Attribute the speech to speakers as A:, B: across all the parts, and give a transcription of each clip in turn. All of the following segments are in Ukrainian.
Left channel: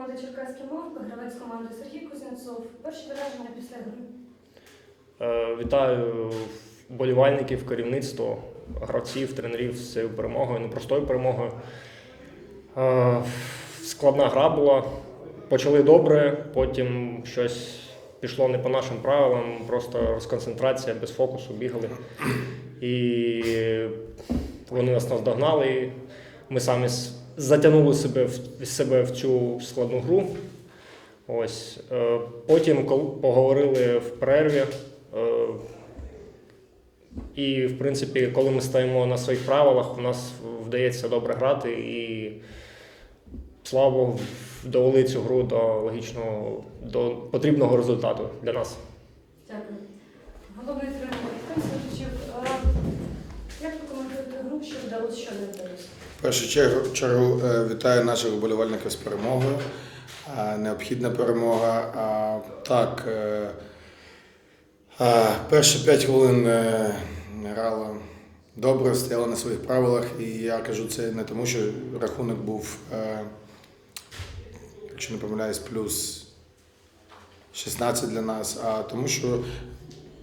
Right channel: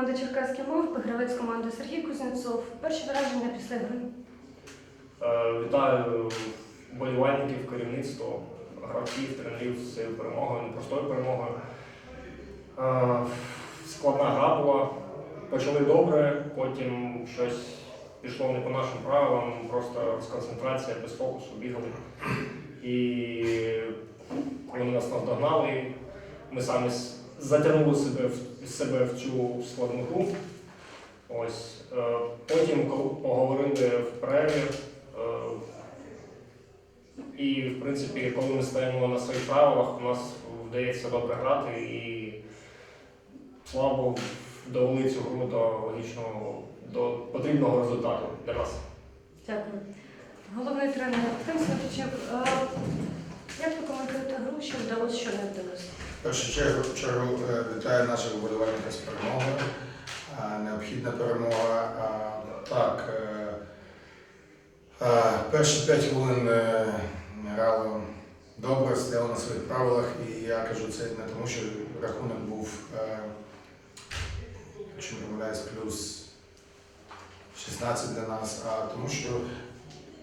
A: команди Черкаський мов, гравець команди Сергій Кузнєцов. Перші враження після гри.
B: Е, Вітаю вболівальників, керівництво, гравців, тренерів з цією перемогою, непростою перемогою. Е, Складна гра була. Почали добре, потім щось пішло не по нашим правилам, просто розконцентрація без фокусу, бігали. І вони нас наздогнали. Ми самі затягнули себе в, себе в цю складну гру. Ось. Е, Потім, поговорили в перерві, е, і, в принципі, коли ми стоїмо на своїх правилах, у нас вдається добре грати і слава довели цю гру до логічного, до потрібного результату для нас.
A: Дякую. Головний тренер Артем Як ви коментуєте гру, що вдалося, що не вдалося?
C: Першу чергу, чергу е, вітаю наших вболівальників з перемогою. Е, Необхідна перемога. Так, е, е, перші 5 хвилин грали добре, стояли на своїх правилах. І я кажу це не тому, що рахунок був, якщо не помиляюсь, плюс 16 для нас, а тому, що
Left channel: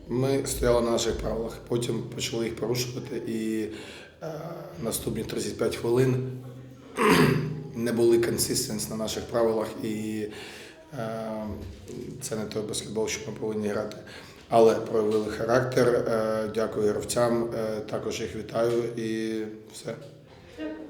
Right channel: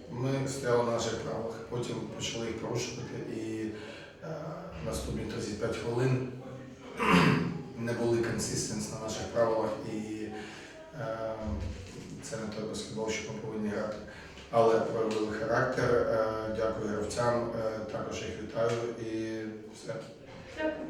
C: ми стояли на наших правилах, потім почали їх порушувати і наступні 35 хвилин не були консистенс на наших правилах, і е, це не той баскетбол, що ми повинні грати. Але проявили характер. Е, дякую гравцям, е, також їх вітаю і все.
A: Дякую.